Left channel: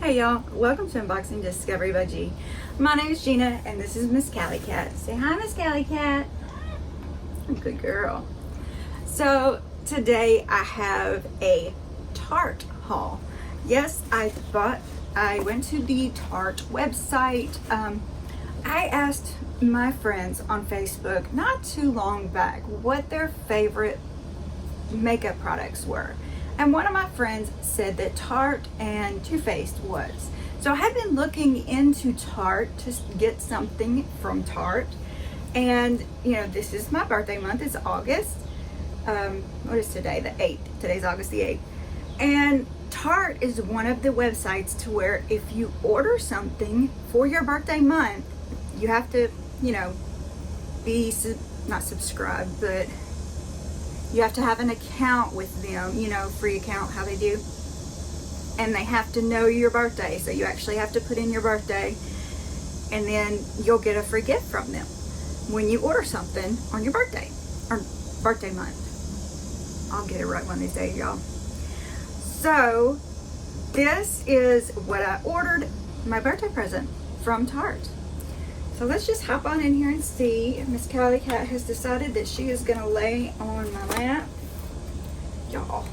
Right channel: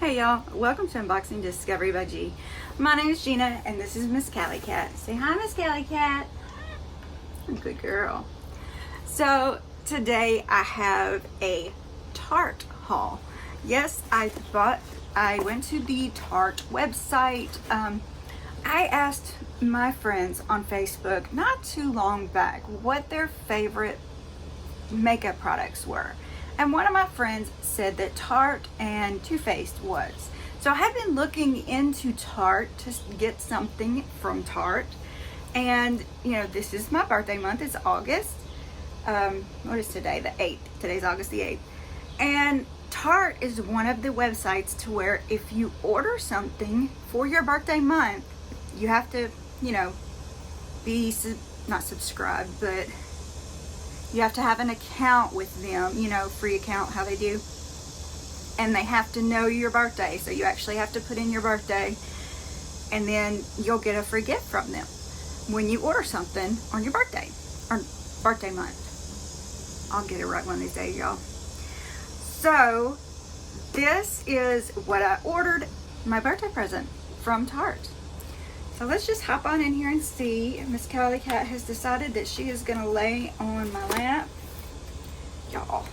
Hey y'all, welcome to Unboxing Discovery by G. My name is Gina and this is Miss Cali Cat. Say hi, Miss Cali Cat. Good girl. So today I have a Tarte haul. Yes, I went to the Tarte website. I asked my friends on Facebook not too long back what their favorite makeup products were. And one of my friends said that Tarte and Too Faced was. So I have been looking into Tarte to get something from Tarte. And, you know, this is my birthday month. It's August. What is today? The 8th. Today's August the 8th. And Tarte is one of the websites to where if you order something for your birthday month, you have to, you know, be, not subscribed, but you have to have an account with them, you know, free account, how they do. And they have to know your birthday. So you actually have to put in your birthday and then you'll get a free gift from them when you order something on your birthday or birthday month. I'll get it right one of these days, y'all. So this is what I ordered, my birthday present from Tarte. So let's just hop on in here and see. Miss Cali Cat has decided that she is gonna lay on my lap. Y'all,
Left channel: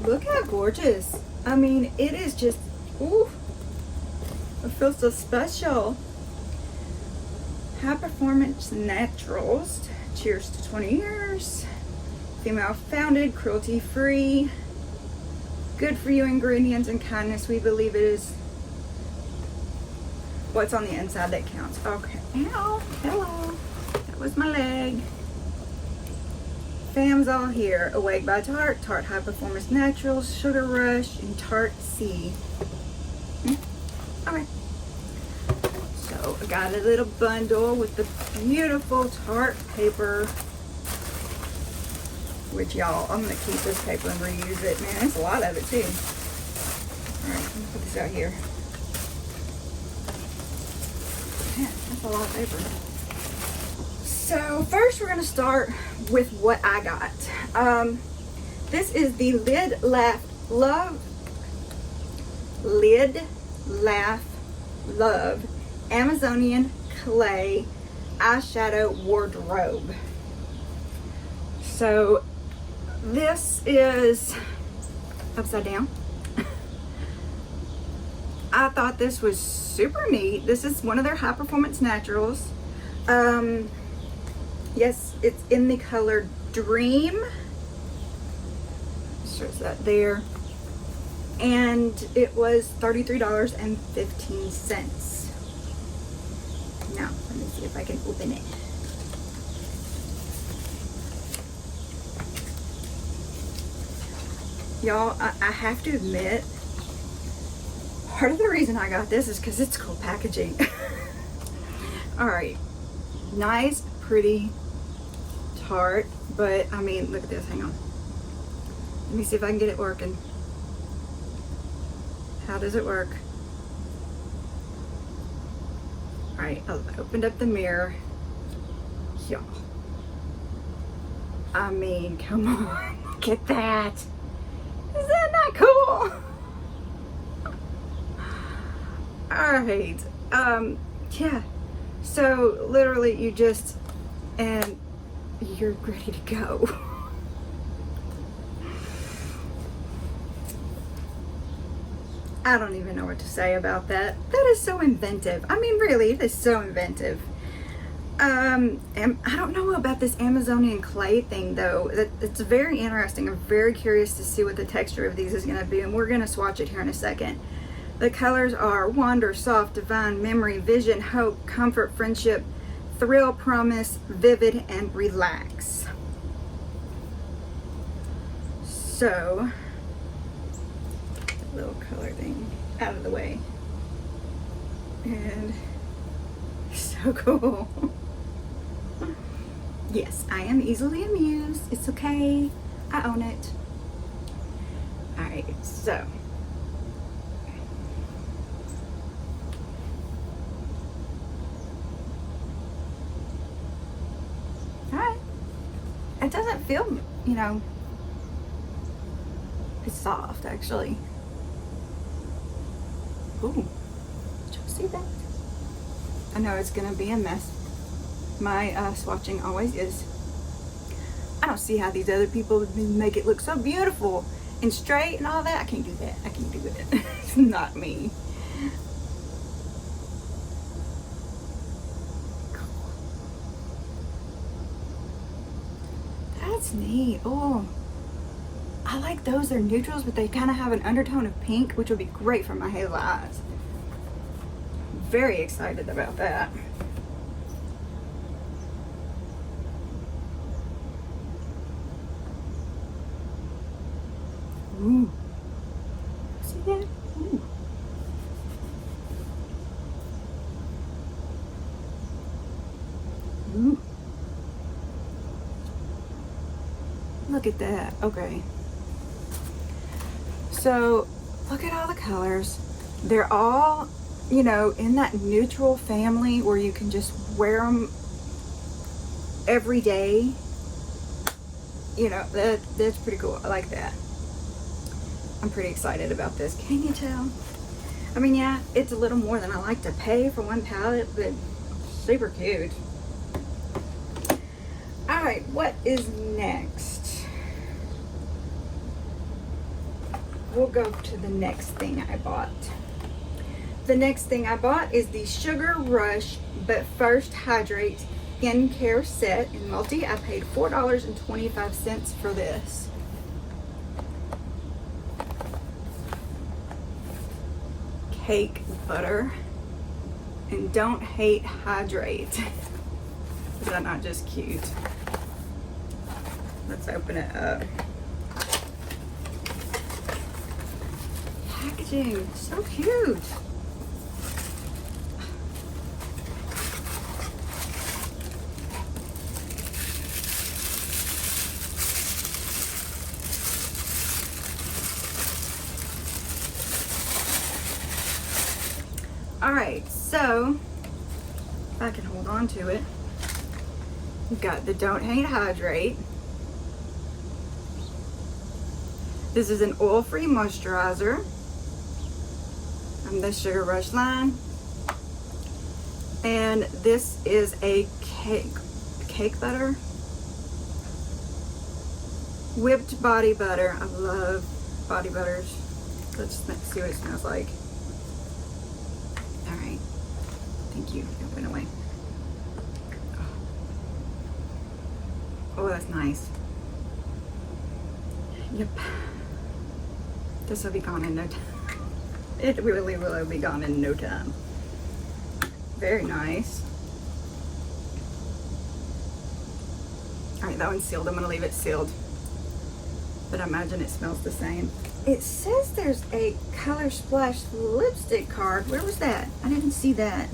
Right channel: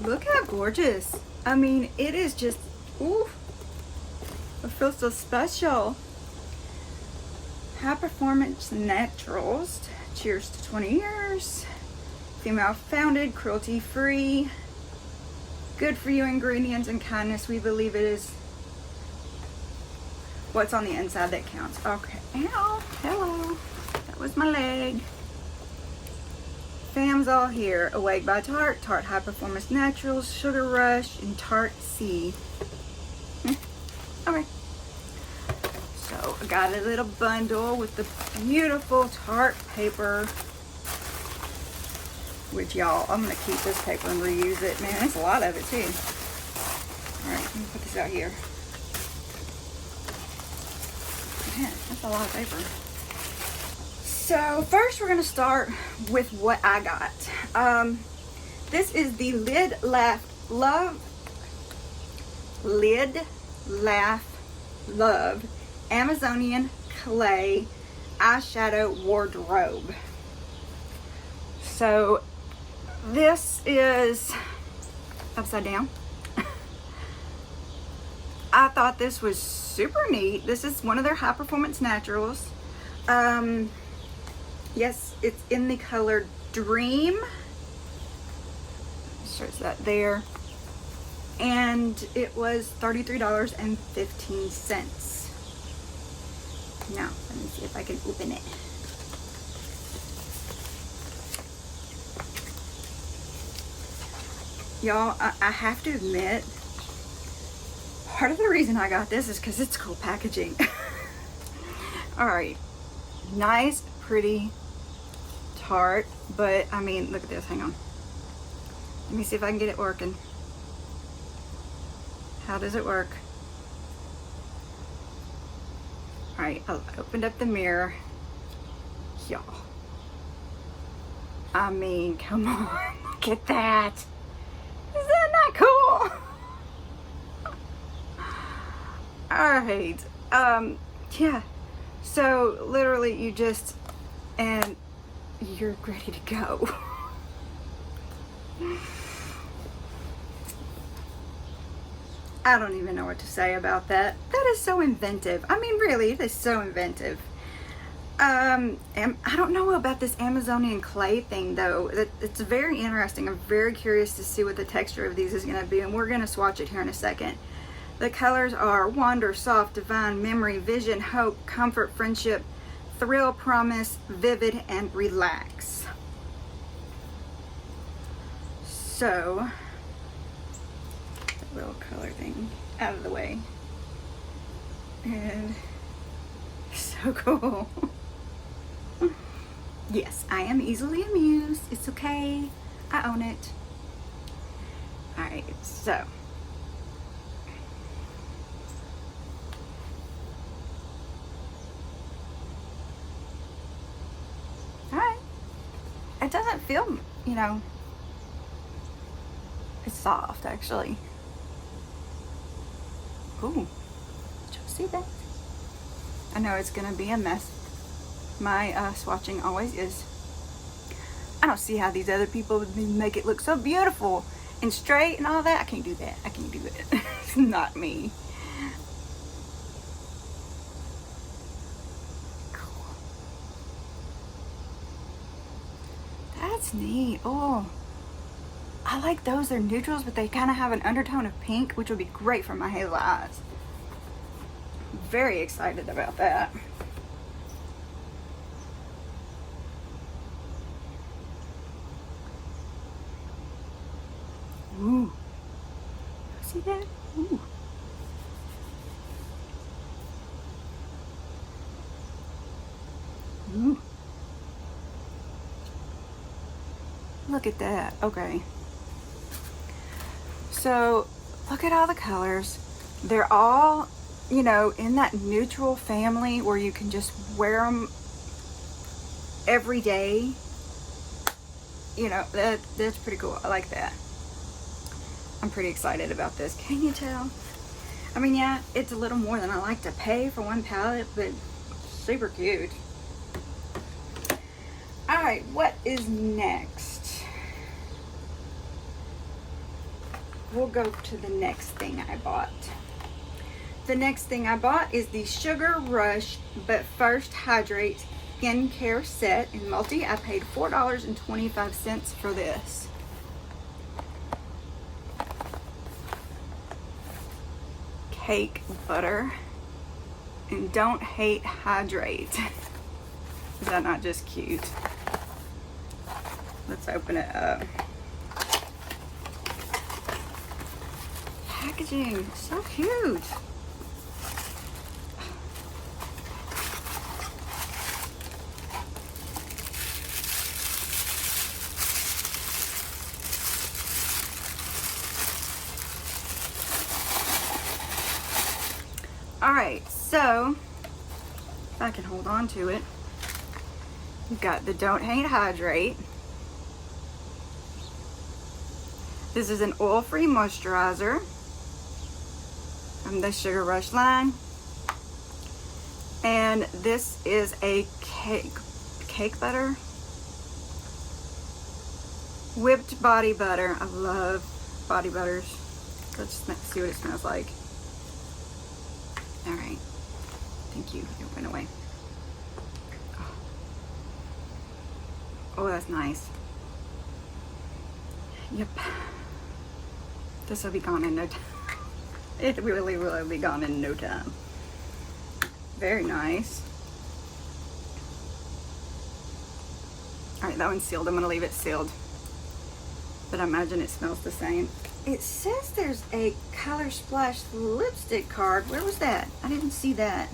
look how gorgeous. I mean, it is just, ooh, it feels so special. High Performance Naturals, cheers to 20 years. Female founded, cruelty free. Good for you ingredients and kindness. We believe it is what's on the inside that counts. Okay. Ow. Hello. That was my leg. Fam's all here. Awake by Tarte, Tarte High Performance Naturals, Sugar Rush, and Tarte C. Okay. So I got a little bundle with the beautiful Tarte paper. Which y'all, I'm gonna keep this paper and reuse it. Man, there's a lot of it too. Alright, let me put this out here. Yeah, that's a lot of paper. So first we're gonna start with what I got. This is the Lid Laugh Love Amazonian Clay Eyeshadow Wardrobe. So this is upside down. I thought this was super neat. This is one of their High Performance Naturals. Yes, it's in the color Dream. Shows that there. And it was $33.15. Now, let me see if I can open it. Y'all, I have to admit, part of the reason I got this is because it's cool packaging. Alright, nice, pretty Tarte, but I mean, look at this, hang on. Let me see if I can get it working. How does it work? Alright, I opened up the mirror. Y'all. I mean, come on, look at that. Is that not cool? Alright, yeah. So literally you just, and you're ready to go. I don't even know what to say about that. That is so inventive. I mean, really, it is so inventive. And I don't know about this Amazonian clay thing though. It's very interesting. I'm very curious to see what the texture of these is going to be, and we're going to swatch it here in a second. The colors are Wonder, Soft, Divine, Memory, Vision, Hope, Comfort, Friendship, Thrill, Promise, Vivid, and Relax. So, a little color thing out of the way. And so cool. Yes, I am easily amused. It's okay. I own it. Alright, so. Alright. It doesn't feel, you know, it's soft actually. Ooh, did you see that? I know it's gonna be a mess. My swatching always is. I don't see how these other people make it look so beautiful and straight and all that. I can't do that. I can't do it. It's not me. That's neat. Oh, I like those. They're neutrals, but they kind of have an undertone of pink, which would be great for my hazel eyes. Very excited about that. Ooh. See that? Ooh. Ooh. Look at that. Okay. So, look at all the colors. They're all, you know, in that neutral family where you can just wear them every day. You know, that's pretty cool. I like that. I'm pretty excited about this. Can you tell? I mean, yeah, it's a little more than I like to pay for one palette, but super cute. All right, what is next? We'll go to the next thing I bought. The next thing I bought is the Sugar Rush But First Hydrate Skincare Set in Multi. I paid $4.25 for this. Cake butter. And don't hate hydrate. Is that not just cute? Let's open it up. Packaging, so cute. All right, so if I can hold on to it, we've got the Don't Hate Hydrate. This is an oil-free moisturizer from the Sugar Rush line. And this is a cake butter. Whipped body butter. I love body butters. Let's see what it smells like. All right. Thank you. It went away. Oh, that's nice. Yep. This will be gone in no time. It really will be gone in no time. Very nice. All right, that one's sealed. I'm gonna leave it sealed. But I imagine it smells the same. It says there's a Color Splash lipstick card. Where was that? I didn't see that.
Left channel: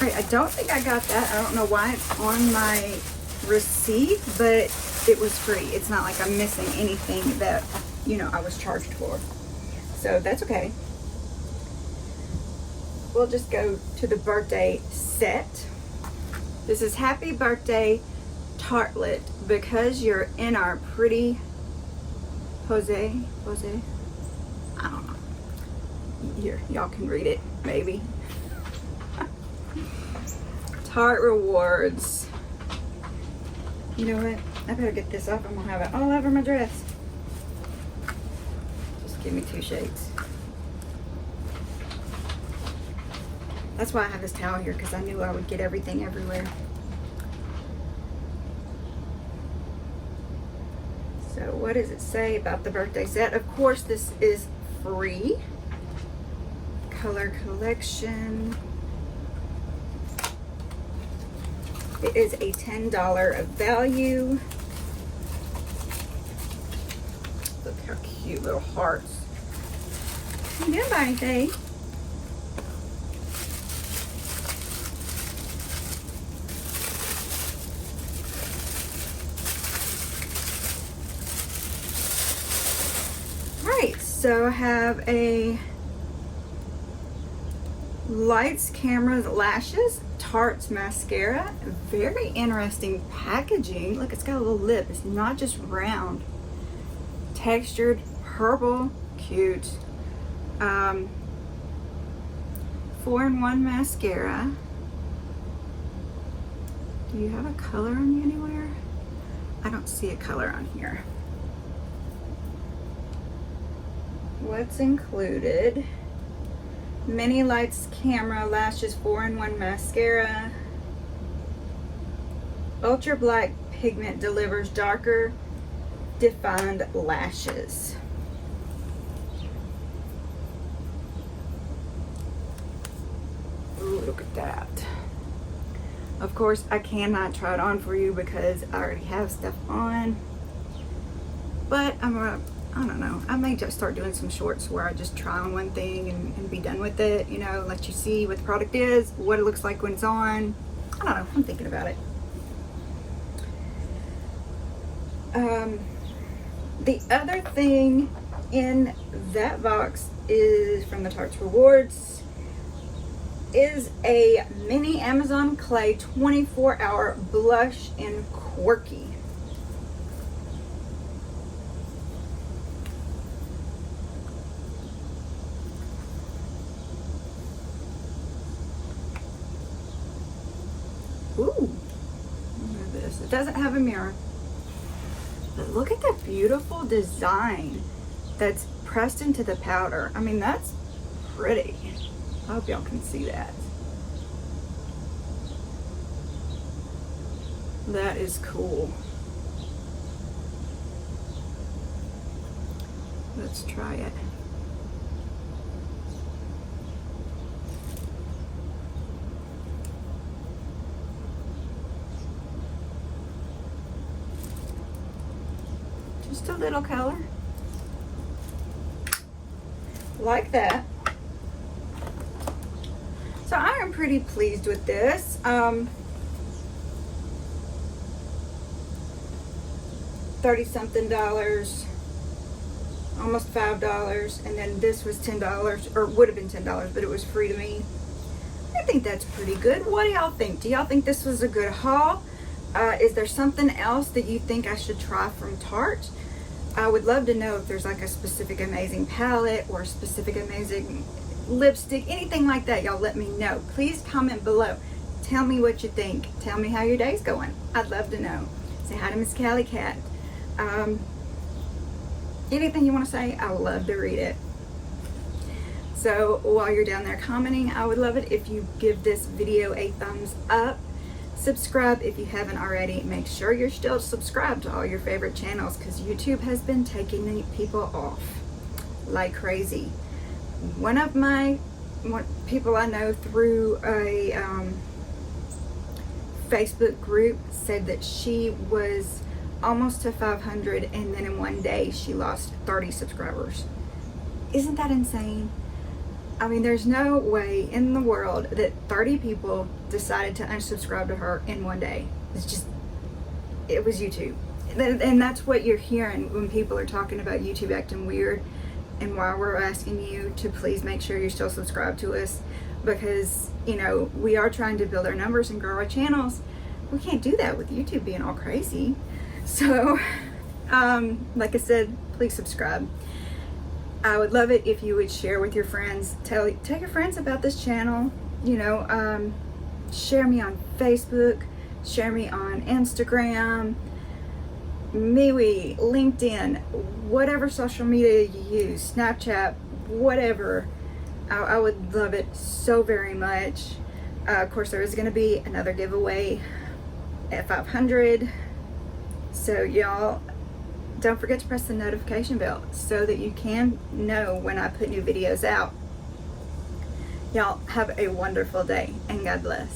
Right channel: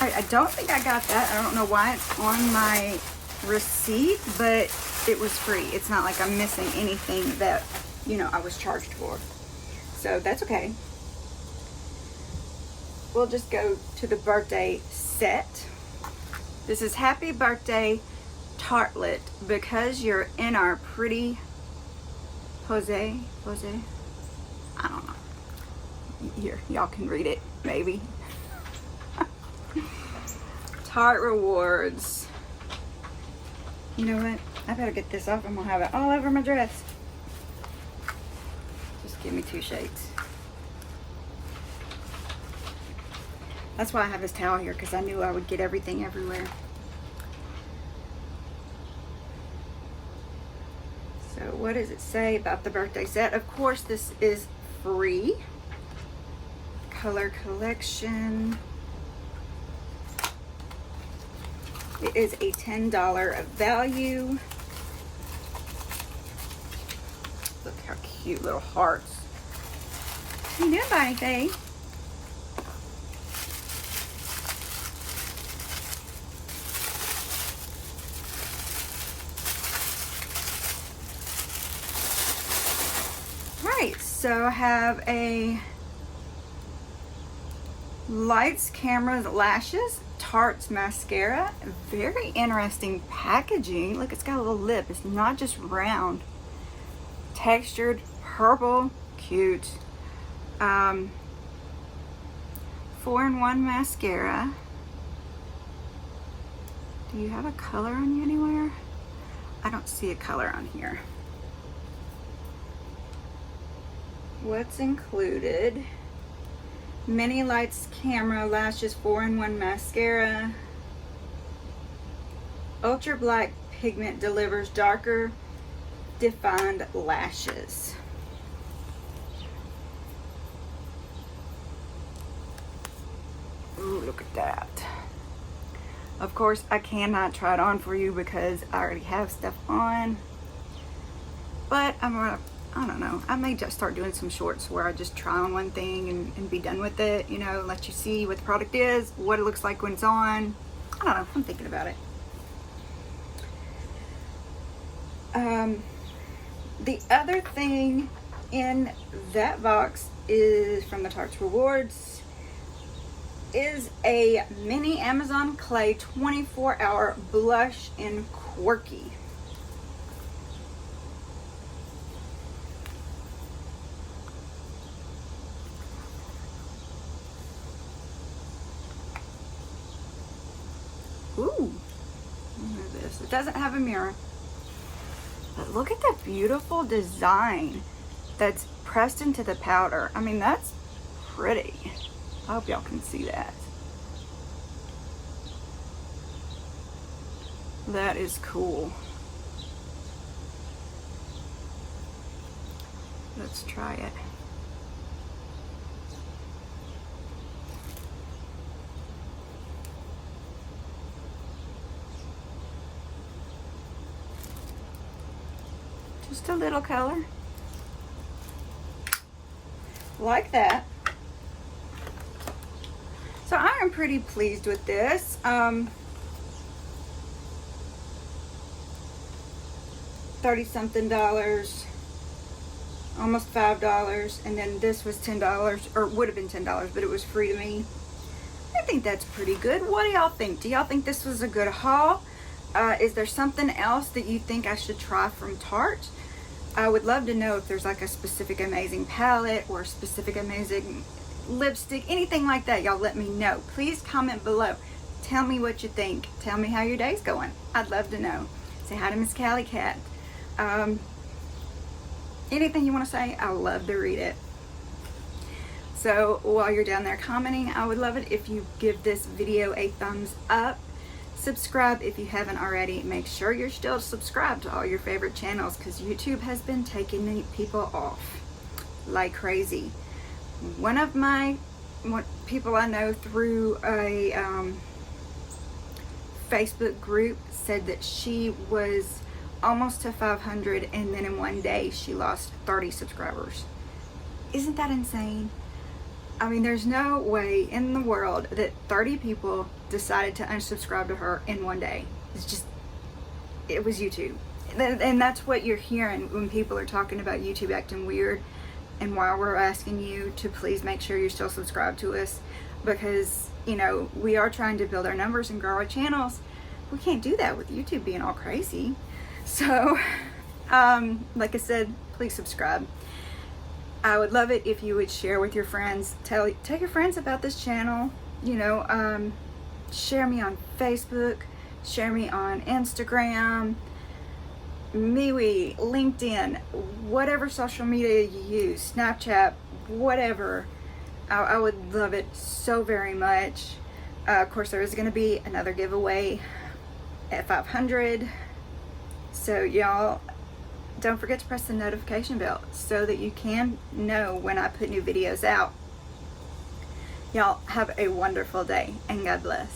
I don't think I got that. I don't know why it's on my receipt, but it was free. It's not like I'm missing anything that, you know, I was charged for. So that's okay. We'll just go to the birthday set. This is Happy Birthday Tartlet, because you're in our pretty Jose. I don't know. Here, y'all can read it, maybe. Tarte Rewards. You know what? I better get this off. I'm gonna have it all over my dress. Just give me 2 shades. That's why I have this towel here, because I knew I would get everything everywhere. So what does it say about the birthday set? Of course, this is free. Color collection. It is a $10 of value. Look how cute, little hearts. You didn't buy anything. Right, so I have a Lights, Cameras, Lashes, Tarte's mascara. Very interesting packaging. Look, it's got a little lip. It's not just round. Textured, purple, cute. 4-in-1 mascara. Do you have a color on you anywhere? I don't see a color on here. What's included? Mini lights, camera, lashes, 4-in-1 mascara. Ultra black pigment delivers darker defined lashes. Ooh, look at that. Of course, I cannot try it on for you because I already have stuff on. But I don't know, I may just start doing some shorts where I just try on one thing and be done with it, you know, let you see what the product is, what it looks like when it's on. I don't know, I'm thinking about it. The other thing in that box is from the Tarte's Rewards is a mini Amazon Clay 24-hour blush in Quirky. Ooh, it doesn't have a mirror. But look at that beautiful design that's pressed into the powder. I mean, that's pretty. I hope y'all can see that. That is cool. Let's try it. Just a little color. Like that. So I am pretty pleased with this. $30-something, almost $5, and then this was $10, or would have been $10, but it was free to me. I think that's pretty good. What do y'all think? Do y'all think this was a good haul? Is there something else that you think I should try from Tarte? I would love to know if there's like a specific amazing palette or a specific amazing lipstick, anything like that. Y'all let me know. Please comment below. Tell me what you think. Tell me how your day's going. I'd love to know. Say hi to Miss Callie Cat. Anything you want to say, I would love to read it. So while you're down there commenting, I would love it if you give this video a thumbs up. Subscribe if you haven't already. Make sure you're still subscribed to all your favorite channels because YouTube has been taking people off like crazy. One of my people I know through a Facebook group said that she was almost to 500 and then in one day she lost 30 subscribers. Isn't that insane? I mean, there's no way in the world that 30 people decided to unsubscribe to her in one day. It's just, it was YouTube. And that's what you're hearing when people are talking about YouTube acting weird, and why we're asking you to please make sure you're still subscribed to us, because, you know, we are trying to build our numbers and grow our channels. We can't do that with YouTube being all crazy. So, like I said, please subscribe. I would love it if you would share with your friends. Tell your friends about this channel. You know, share me on Facebook, share me on Instagram, MeWe, LinkedIn, whatever social media you use, Snapchat, whatever. I would love it so very much. Of course, there is going to be another giveaway at 500. So y'all, don't forget to press the notification bell so that you can know when I put new videos out. Y'all have a wonderful day and God bless.